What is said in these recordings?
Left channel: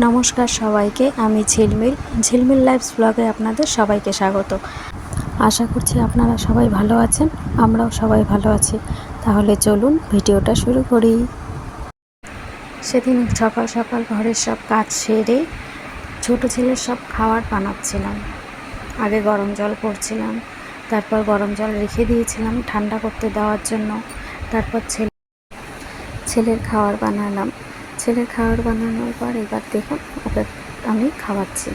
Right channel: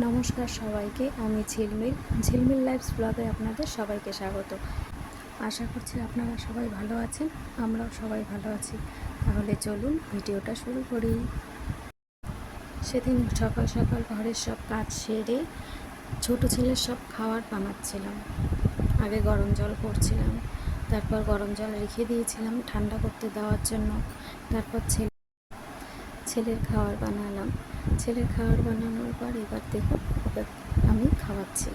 নমস্কার সবাইকে, আমি ঝিলমিল লাইফস ব্লগে আপনাদের সবাইকে স্বাগত। আশা করছি আপনারা সবাই ভালো আছেন, আমরাও সবাই ভালো আছি। তাহলে চলুন ভিডিওটা শুরু করি। সেদিন সকাল সকাল ঘরের সব কাজ সেরে ছোট ছেলের সব খাবার বানাচ্ছিলাম। আগে গরম জল করছিলাম, তারপর গরম জল রেখে দিয়েছিলাম ঠান্ডা করতে দেওয়ার জন্য। তারপর ছেলের খাবার বানালাম। ছেলের খাবার বানানোর পর এবার দেখুন ওকে আমি খাওয়াচ্ছি।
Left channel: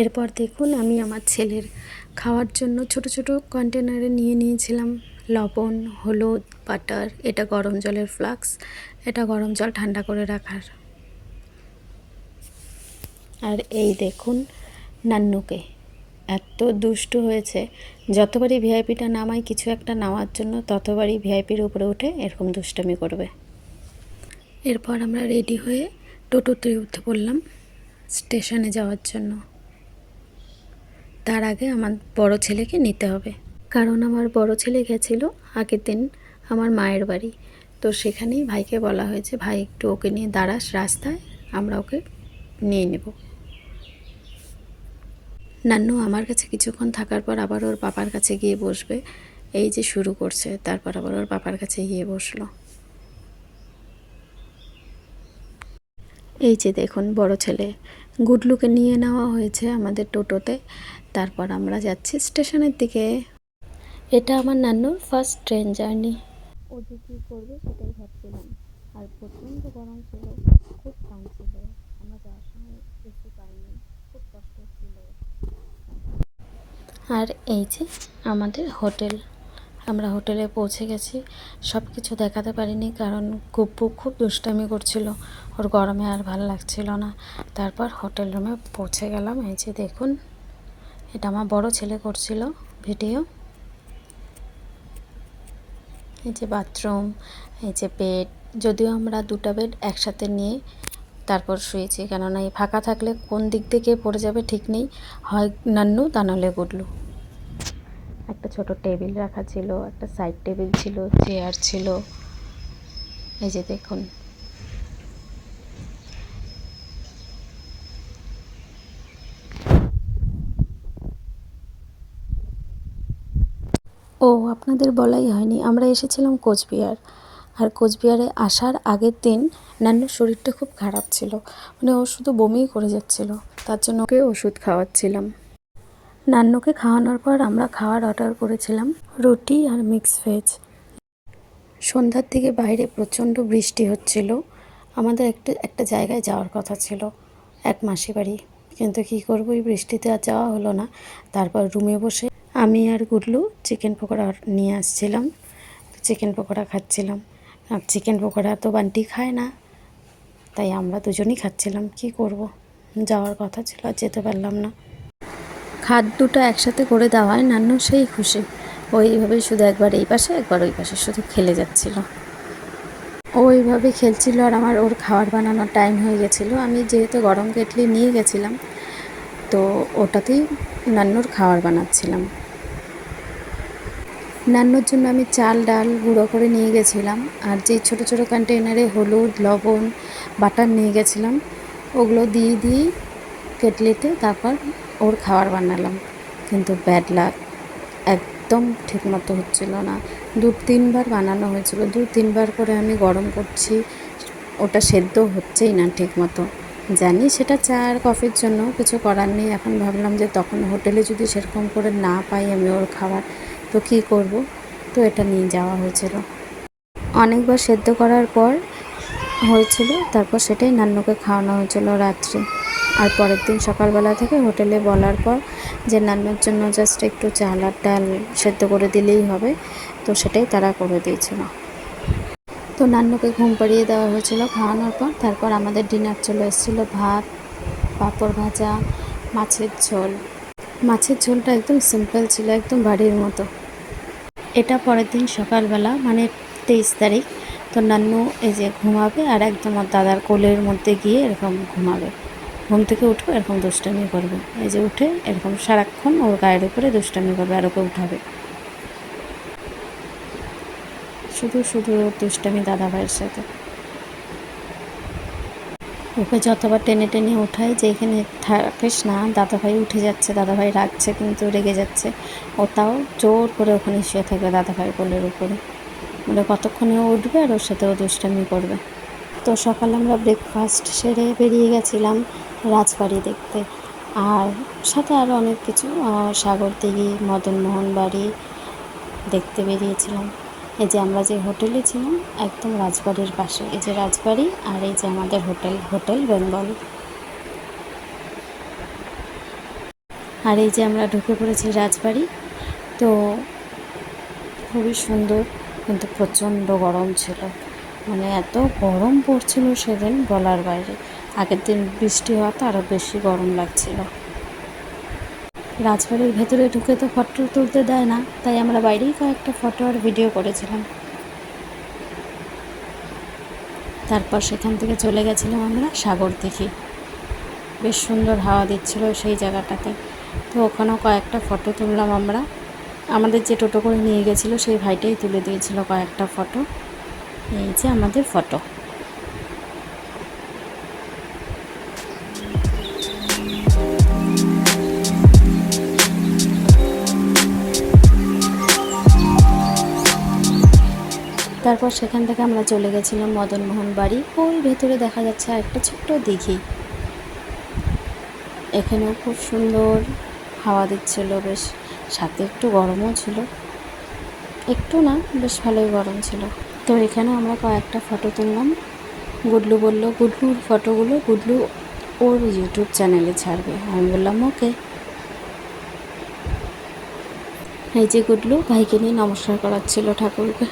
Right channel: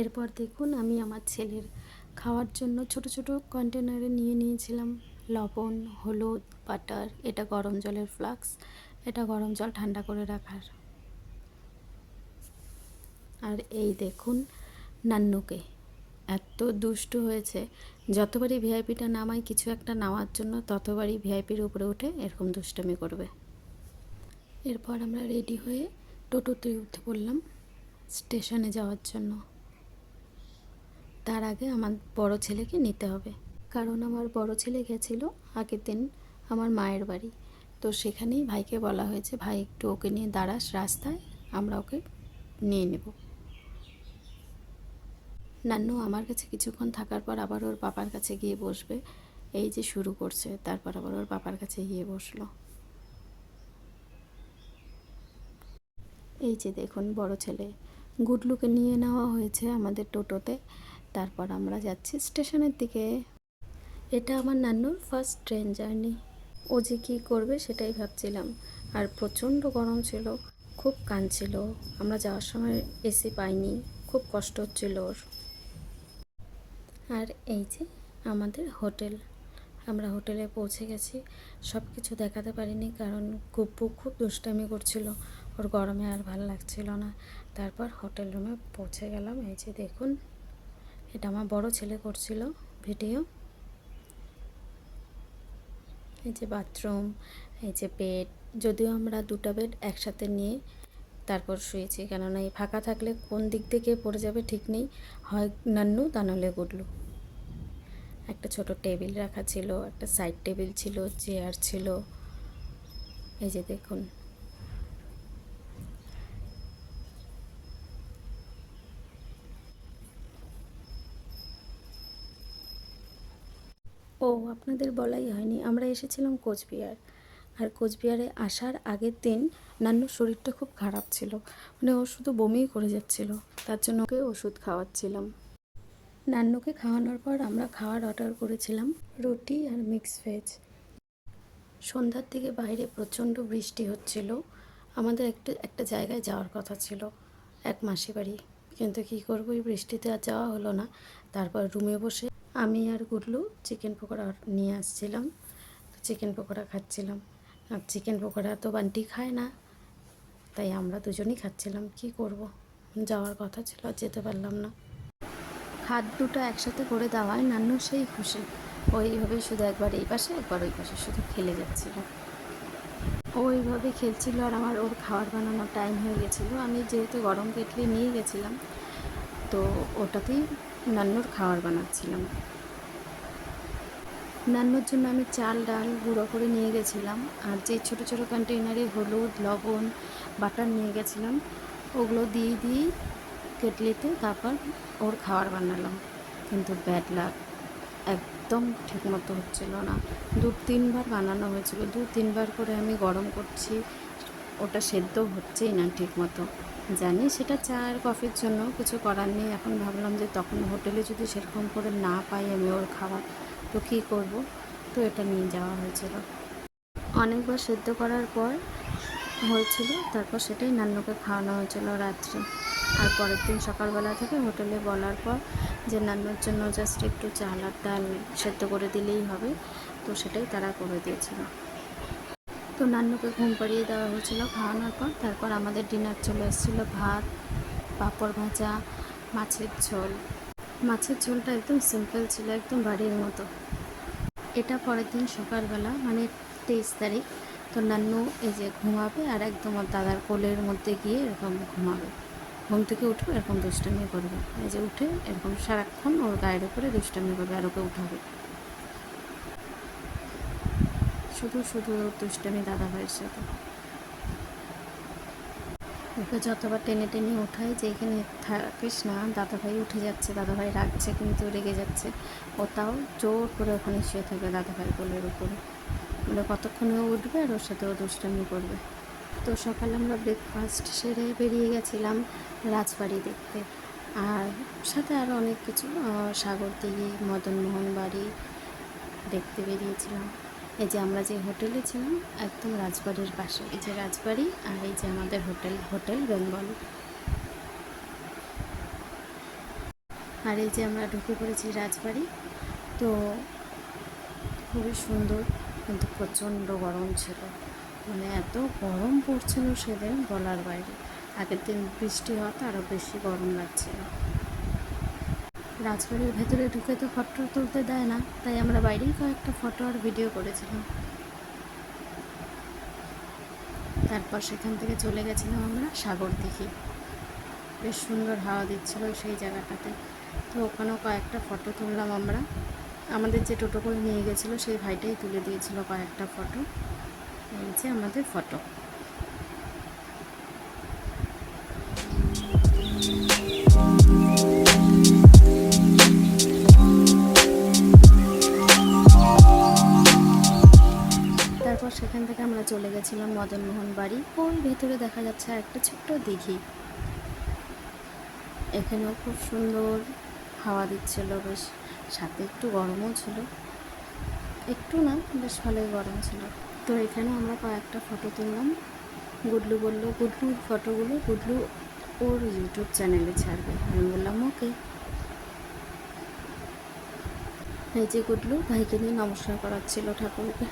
এরপর দেখুন আমি আমার ছেলের খাওয়ার জন্য ছোট ছোট কন্টেনারে নিয়ে নিয়েছিলাম লবণ, হলুদ, বাটার। এটা গরম জলের ফ্লাক্স, এটা গরম জল ঠান্ডা করে রাখার। আর এই দেখুন নান্নুকে, এত দুষ্টু হয়েছে। যতবারই ভিআইপিটা নামায় কিছু একটা নেওয়ার জন্য, ততবারই ভিআইপির উপরে উঠে এরকম দুষ্টামি করবে। এরপর আমরা রেডি হয়ে টোটোতে উঠে পড়লাম স্টেশনে যাওয়ার জন্য। তার আগে আমার বড় ছেলেকে নিতে হবে, কারণ আমার বড় ছেলে গেছিলো আগের দিন আমার মায়ের বাড়ি। তো সেখানেই ভাইকে বলা হয়েছে, ভাই একটু ওকে নিয়ে দাঁড়াস রাস্তায়, আমরা ওকে নিয়ে নেব। নান্নু আমার কাছে কিছুক্ষণ থাকার পর আবার ওর পাপার কাছে গিয়ে বসবে। এই যে শুরু করছে, তারপর আবার ওর পাপার কাছে গিয়ে বসলো। এই যে দেখুন বড় ছেলে গুডলুকে নিয়ে নেওয়া হয়েছে আমাদের টোটোতে। তারপর আমরা যাচ্ছি স্টেশনের দিকে। এটা আমার নান্নুর ফার্স্ট ট্রেন জার্নি। ও যে কী করবে সেটাই ভাবছিলাম। আর প্রচণ্ড গরম ছিল, খুব কাঁদছিল। আমরা যাওয়ার সময় এসি পাইনি, খুব কষ্ট হচ্ছিল ওর। আর এই যে আমাদের হোটেল, আমরা হোটেলে পৌঁছে গেছি। সব কিছু দেখাতে পারিনি কারণ গুব্বু খুব দুষ্টামি করছিল, ওর গরমে আর ভালো লাগছিল না। তারপর হোটেল রুমে পৌঁছে গেলাম। এই যে দেখুন, এটা আমার বড় ছেলে করছিল ভিডিও। এই যে বাথরুম, এই যে বেড। যদিও আমরা দুটো বেড একসাথে নিয়ে তারপর শুয়েছি, কেননা এই ফাঁকা থাকলে কোন দিক থেকে পড়ে যাবে ঠিক নেই, হয় নান্নু তা নাহলে গুডলু। একটা ছোট টেবিল রাখা ছিল, একটা সাইড টেবিল ছিল, চেয়ার ছিল। এই যে দেখুন, ও আপনাদের বলাই হয়নি, আমরা এসেছিলাম কোচবিহার। আর কোচবিহারে আসার আগের দিন নান্নুর শরীরটা খুব খারাপ ছিল, মানে ও শুধু বমিই করে যাচ্ছিল। তার জন্য ওকে ওষুধ খাওয়াচ্ছিলাম। নান্নুকে খাওয়ানোর পর আমরা খাওয়ার অর্ডার করেছিলাম রুটি আর মিক্স ভেজ। সন্ধ্যার দিকে বাইরে প্রচণ্ড বৃষ্টি হচ্ছিল। আমাদের একটা জায়গায় যাওয়ার কথা ছিল, এক মাসি বাড়ি, কিন্তু কী করবো, এই বৃষ্টিতে আর যাওয়া হলো না। তারপর রুমে বসে আমি আর গুডলু চিকেন পকোড়া নিয়ে আসছিলাম, চিকেন পকোড়া খাচ্ছিলাম। আর চিকেন পকোড়া তো বান্টি খায় না, তাই আমরা দুজনই খাচ্ছিলাম। কি করব, যাওয়ার কথা ছিল আর যেতে পারলাম না। খাট দুটো একসাথে করে দেওয়ায় নান্নু সেই খুশি। ওইভাবেই শুধু একবার এই পাশে একবার ওই পাশে শুধু খেলে যাচ্ছিল। ও এইভাবে খেলছিল আর আমার ওর খাবার বানানোর টাইম হয়ে গেছিলো। আমি যেহেতু গরম কেটলি নিয়ে গেছিলাম, তো ওটাতেই নান্নুর খাবার বানাচ্ছিলাম। নান্নুর জন্য আমি চাল ডাল গুঁড়ো করে নিয়ে গেছিলাম, আর যেই ছোটো ছোটো কন্টেনারে হলুদ, লবণ, বাটার নিয়ে গেছিলাম, ওগুলো দিয়ে কেটলিতে তারপর ওর খাবার বানালাম। কিন্তু ব্যাড লাক, একদম ঠিকমতো হচ্ছিল না। 2-3বার বানানো হয়েছিল, 2-3বার করে আমি গরম করছি, ওটা সেদ্ধ হচ্ছেই না ঠিকমতো। জানি সেটা চা আর কফির জন্য, কিছু করার নেই। এখন ভাবলাম যে তখন হোটেলে যদি সেরকম করে না পাই আমি ওর খাবার, তো কী করব, তো এটা নিয়ে যাওয়া হয়েছিল। অনেকবার সেদ্ধ করার পর হয়েছিল, তারপর সেটাই নান্নুকে খাওয়ানো হয়েছিল রাত্রে। আর পরের দিন সকালবেলা থেকে হোটেলে বলার পর যে নান্নুর জন্য জাস্ট একটু চাল আর ডাল সেদ্ধ করে দিলেই হবে, তো সেটাই তারা করে দিয়েছিল। তো নান্নুকে ঘুম পাড়িয়ে দেওয়া হয়েছিল খাওয়ানোর পর। তারপর আমাদের ডিনার চলে এসেছিলো ভাত, পাঁপড় ভাজা, মাছের ঝোল। মাছের ঝোলটা একদম সিম্পল ছিল, একদম বাড়ির মতো। এটা পরের দিন সকালবেলা, মানে 23 তারিখ। তো নান্নু এই যে ঘুমাবে আর একদম ওর দাদার কোলের মধ্যে গিয়ে এরকম ঘুমাবে। ঘুম থেকে উঠে এরকম দুষ্টামি করবে, এই যে উঠে এরকম সারাক্ষণ ওর গায়ের উপরে দুষ্টামি করবে আর ওকে উঠাবে। শুধু শুধু ওর দুষ্টামি দাদা ভাইয়ের সাথে। ওকে যতবার টেনে টেনে ওঠাই যে এখানে থাকিস না, দাদাভাই উঠে যাচ্ছে, দাদাভাই রাগছে কিন্তু রেগে যাচ্ছে, ও তাও জোর করে ওখানে শুয়ে থাকবে দাদাভাই কোলের উপরে, বলে কতক্ষণে ও উঠবে আর ওর সাথে ও দুষ্টামি করবে। তো সকালে আমরা ব্রেকফাস্ট সেরে বেরিয়ে গেছিলাম রাজবাড়ি দেখতে, আর সাথে আরও অনেক কিছু, সাগরদিঘি, মদনমোহন বাড়ি দেখতে বেরিয়েছিলাম। এই যে আমরা যে হোটেলে ছিলাম একদম রাজবাড়ির পাশে, এই যে রাজবাড়ি আর এই যে আমাদের হোটেল বেঙ্গল। আর এই যে আমরা ঢুকে পড়েছি রাজবাড়ি। তো খুবই সুন্দর, কিন্তু প্রচণ্ড গরম ছিল, মানে এত গরম পড়ছিল সেদিন বলার বাইরে। আগের দিন বৃষ্টি হওয়াতে আরও বেশি গরম লাগছিল। রাজবাড়ির ভেতরে ঢুকে তো ফটো তুলতে দেয় না, তাই আমরা বাইরেই কয়েকটা ফটো আর ভিডিও করেছিলাম। তারপর সেখান থেকে চলে গেছিলাম আমরা সাগরদিঘি। বেশ সুন্দর হাওয়া দিচ্ছিল সেই জায়গাটাতে, তো ওখানেও কয়েকটা ফটো তুললাম আমরা। আমাদের যে টোটো করে নিয়ে গেছিলো সেই ভাইটাই তুলে দিয়েছিল কয়েকটা ফটো। এই যে আমাদের ফটো। তারপর সেখান থেকে আমরা চলে গেছিলাম মদনমোহন বাড়ি। ওই ভেতরে দেখা যাচ্ছে একটা ছোট্ট দিঘি, এখানেও খুব সুন্দর হাওয়া দিচ্ছিল বেশ, সাথে একটু গরমও ছিল, একটু না বেশ ভালোই গরম ছিল। তো এখানে আমরা কয়েকটা ফটো তুললাম। গুডলু বলল গুডলুর ফটোগুলো গুডলু ওর ইউটিউব চ্যানেলে ছাড়বে। আমি বললাম ওকে। এই যে গুডলু ভাইকে নিয়ে নমস্কার করাচ্ছিল ঠাকুরকে।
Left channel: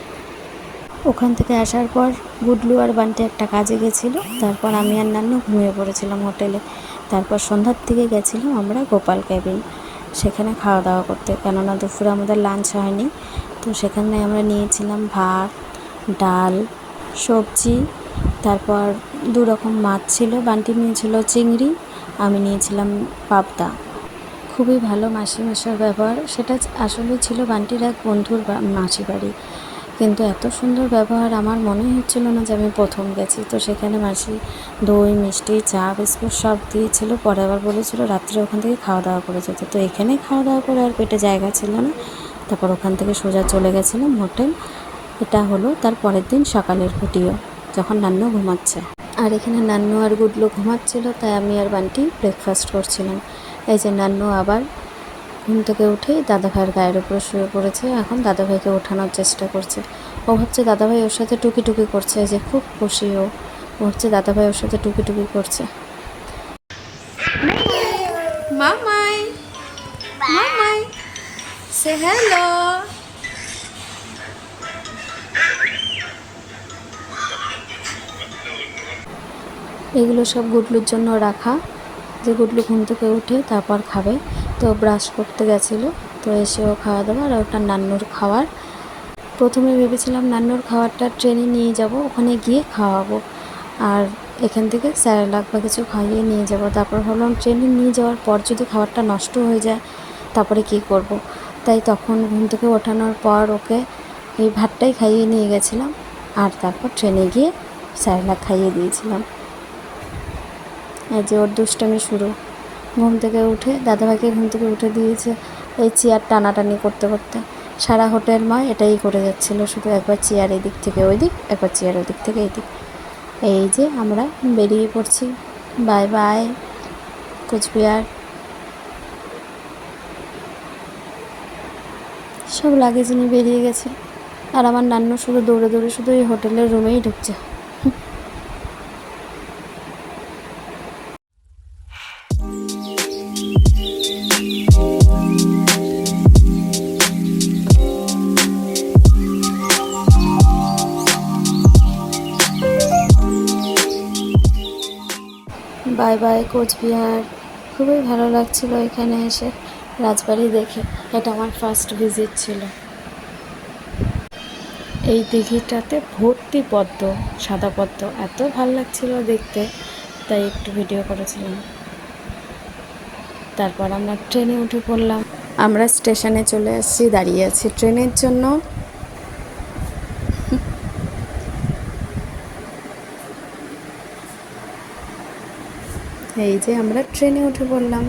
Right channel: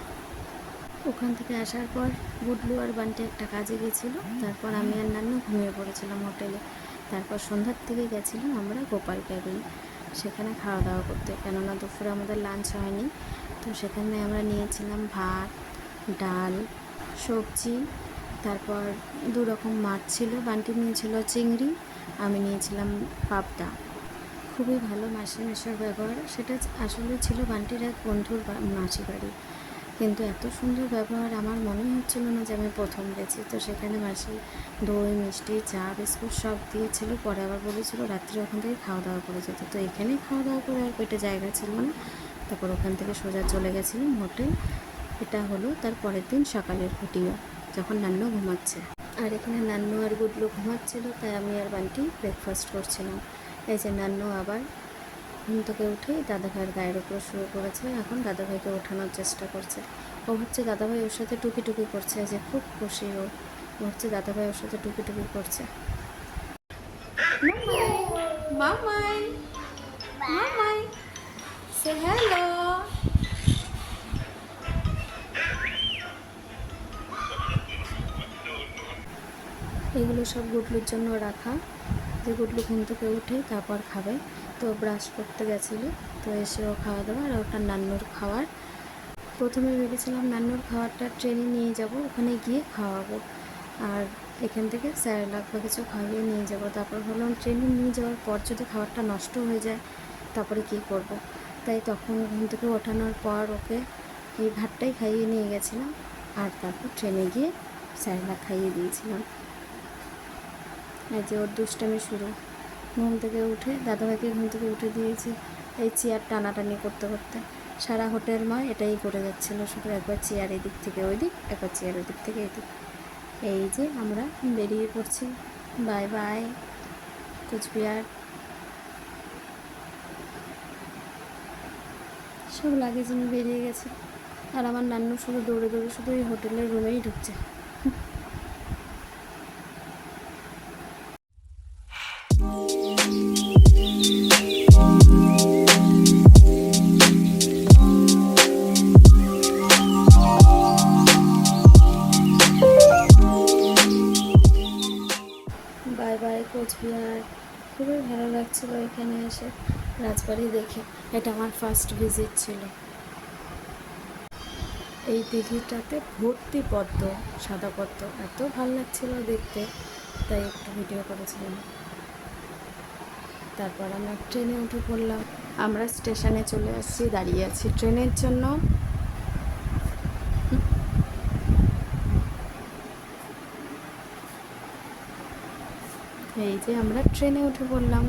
ওখান থেকে আসার পর গুডলু আর বান্টি একটা কাজে গেছিলো, তারপর আমি আর নান্নু ঘুমিয়ে পড়েছিলাম হোটেলে। তারপর সন্ধ্যার দিকে গেছিলাম আমরা গোপাল ক্যাবিন, সেখানে খাওয়া দাওয়া করতে, কেননা দুপুরে আমাদের লাঞ্চ হয়নি। তো সেখানে আমরা নিয়েছিলাম ভাত, ডাল, সবজি, তারপর 2 রকম মাছ ছিল। বান্টি নিয়েছিল চিংড়ি, আমি নিয়েছিলাম পাবদা। খুবই ভালো মাসি মেশোর ব্যবহার, সেটা আসলে ছিল বান্টির এক বন্ধুর মাসি বাড়ি, কিন্তু এত সুন্দর ব্যবহার আমার মনেই হচ্ছিল না যে আমি প্রথম গেছি। তো সেখানে মাসি দই, মিষ্টি, চা, বিস্কুট সব দিয়েছিল। পরে আবার বলেছিল রাত্রে ওখান থেকে খাওয়া দাওয়া করে যেতে। তো এখানেই খাওয়া দাওয়া করে আর পেটে জায়গা ছিল না, তারপর ওখান থেকে সোজা চলে গেছিলাম হোটেল। এটা হলো তার পরের দিন সকালের ভিডিও, যখন নান্নু ঘুমাচ্ছে। আর এখানে নান্নু আর গুডলু ঘুমাচ্ছিল, তাই আমি আর বান্টি ব্রেকফাস্ট করছিলাম। এই যে নান্নু আবার ঘুম থেকে উঠে দাদাভাইয়ের গায়ের উপরে শুয়ে পড়েছে, এখন দাদাভাইকে ওঠানোর চেষ্টা করছে। ও ভাবছে দাদাভাই ওর সাথে টুকি টুকি করছে, যে খুব খুশি ও ভাবছে দাদাভাই ওর সাথে টুকি টুকি করছে। মামাই মামাই সে হ্যালো। এগুলো সব গুডলুর জন্য রাখা, যে গুডলু ঘুম থেকে উঠে তারপর খাবে। তো ব্রাশ করতে গেছিলো, তো এসেও খাওয়া দাওয়া, আর ওটা নান্নুর খাওয়ার। প্রথমে ভেবেছিলাম নান্নুর খাবারটা ট্রেনে নিয়ে যাব, ওখানে গিয়ে খাওয়াবো, আর এখান থেকে স্যারেলাক বা কিছু খাইয়ে নিয়ে যাব। তারপর ভাবলাম ট্রেনে নিয়ে যাওয়ার পর যদি খাবারটা নষ্ট হয়ে যায় তারপরে কী করব। তাই তখন ঘুম থেকে ওঠানোর পর ওকে এই ভাতটাই খাইয়ে নিয়ে গেছিলাম, আর তারপর ট্রেনে গিয়ে স্যারেলাক খাইয়ে দিয়েছিলাম। এই যে ওর দুষ্টামি শুরু। ঘুম থেকে উঠে দাদাভাইকে ঘুম থেকে উঠে দিয়েছে, এই চেয়ার টানাটানি করতে করতে সারা হোটেলময় এটাই করে যাচ্ছিলো, শুধু একবার চেয়ার এদিক থেকে ওই দিক, একবার চেয়ার ওদিক থেকে এই দিক। এই যে আমরা বেরিয়ে পড়ছি, বাই বাই কোচবিহার। সব লাগেজ নিয়ে বেরিয়ে গেছে, আর আমার নান্নু শুধু দৌড়ে দৌড়ে শুধু এই হোটেলের রুমেই ঢুকছে। Bye bye Cooch Behar. খুবই ভালো লাগছিল এখানে এসে রাজবাড়ি দেখে। এটা আমার ফার্স্ট ভিজিট ছিল। এই দিঘিটাতে ভর্তি পদ্ম, সাদা পদ্ম, এত ভালো লাগছিল দেখতে, তাই একটু ভিডিও করেছিলাম। তারপর আমরা ট্রেনে উঠে পড়লাম। আমরা স্টেশনে চলে এসেছি, দাঁড়িয়ে আছি ট্রেনের জন্য। এই যে আমরা ট্রেনে উঠে পড়লাম।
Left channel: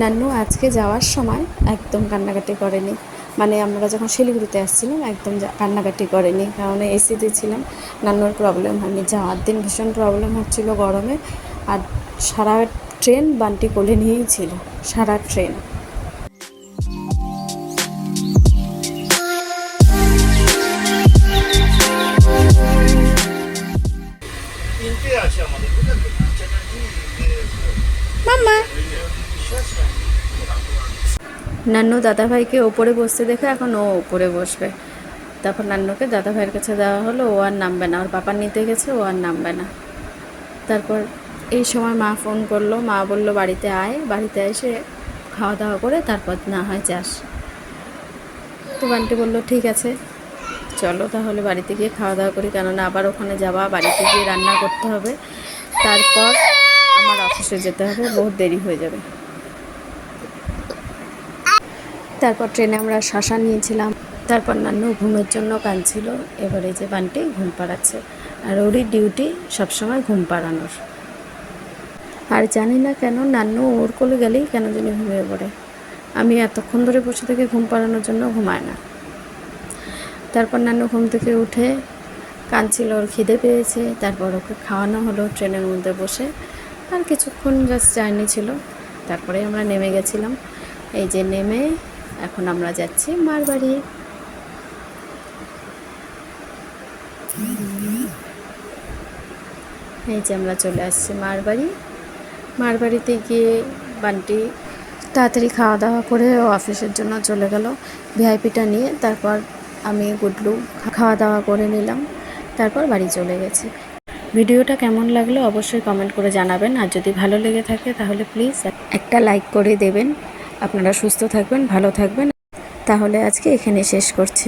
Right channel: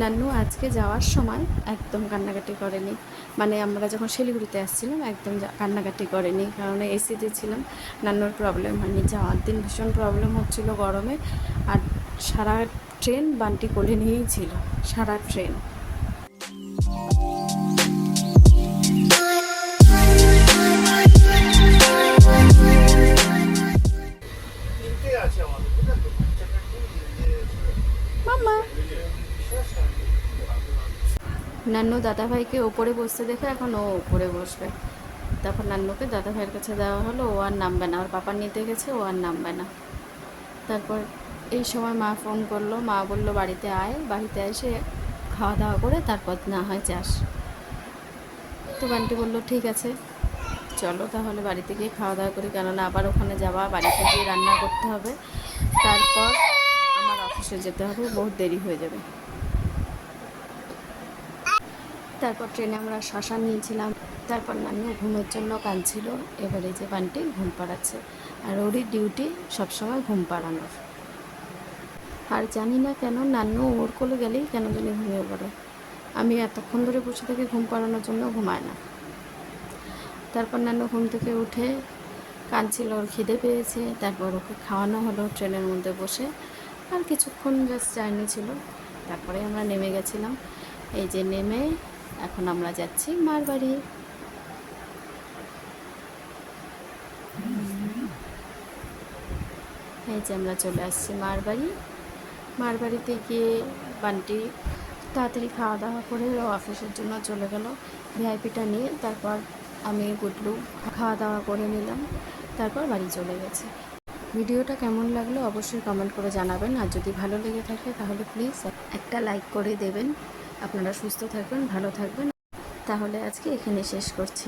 নান্নু আজকে যাওয়ার সময় একদম কান্নাকাটি করেনি, মানে আমরা যখন শিলিগুড়িতে আসছিলাম একদম কান্নাকাটি করেনি, কারণ এসিতে ছিলাম। নান্নুর প্রবলেম হয়নি, যাওয়ার দিন ভীষণ প্রবলেম হচ্ছিল গরমে, আর সারা ট্রেন বান্টি কোলে নিয়েই ছিল, সারা ট্রেন। মাম্মা নান্নু দাদাভাইকে ওপরে বসতে দেখে এখন ও ওপরে বসবে। তারপর নান্নুকে দাদাভাইয়ের কাছে দেওয়া হলো, ও আর নামবে না, ওর পাপা নিতে গেছে, ও আর নামবে না। তারপর এই সময় মা ফোন করলো, মা বলল বাড়িতে আয়, বাড়িতে এসে খাওয়া দাওয়া করে তারপর না হয় যাস। তো বান্টি বললো ঠিক আছে চলো তাহলে বাড়িতে গিয়ে খাওয়া দাওয়া করি, কেননা আবার ওখানে যাওয়া, বাড়িতে গিয়ে রান্না করতে হবে, তারপর আমার অফিসে যেতে হবে, বহুত দেরি হয়ে যাবে। তারপর ট্রেনে আমরা শশা নিয়েছিলাম। তারপর নান্নু ঘুমের জন্য কাঁদছিল, এবারে যে বান্টি ঘুম পাড়াচ্ছে, আর ওরই ডিউটি সবসময় ঘুম পাড়ানোর। আর জানি না কেন নান্নু ওর কোলে গেলেই কেন জানি ঘুমিয়ে পড়ে, আমি এতক্ষণ ধরে বসে থেকে ঘুম পাড়ানোর জন্য ঘুমায় না। তারপর নান্নু ঘুম থেকে উঠে কাঁদছিল, ওর খিদে পেয়েছে, তারপর ওকে খাওয়ানো হলো ট্রেনের মধ্যে বসে। আর কিছুক্ষণ জাস্ট জার্নি ছিল, তারপরে আমরা নেমে গেছিলাম। এই যে নেমে এখন আমরা যাচ্ছি মার বাড়ি। এই যে আমরা চলে আসছি মার বাড়ি। মার বাড়িতে গিয়ে বান্টি তাড়াতাড়ি খাওয়া দাওয়া করে ও অফিসের জন্য চলে গেল ভিআইপিটা নিয়ে। তারপর আমি গুডলু খাওয়া দাওয়া করে নিলাম, তারপর বাড়ি চলে গেছি। ভিডিওটা কেমন লাগলো অবশ্যই কমেন্ট করে জানাবেন, আর যদি ভালো লেগে থাকে তাহলে প্লিজ একটা লাইক করে দেবেন। আপনারা সুস্থ থাকবেন, ভালো থাকবেন। তাহলে আজকে এখানে শেষ করছি।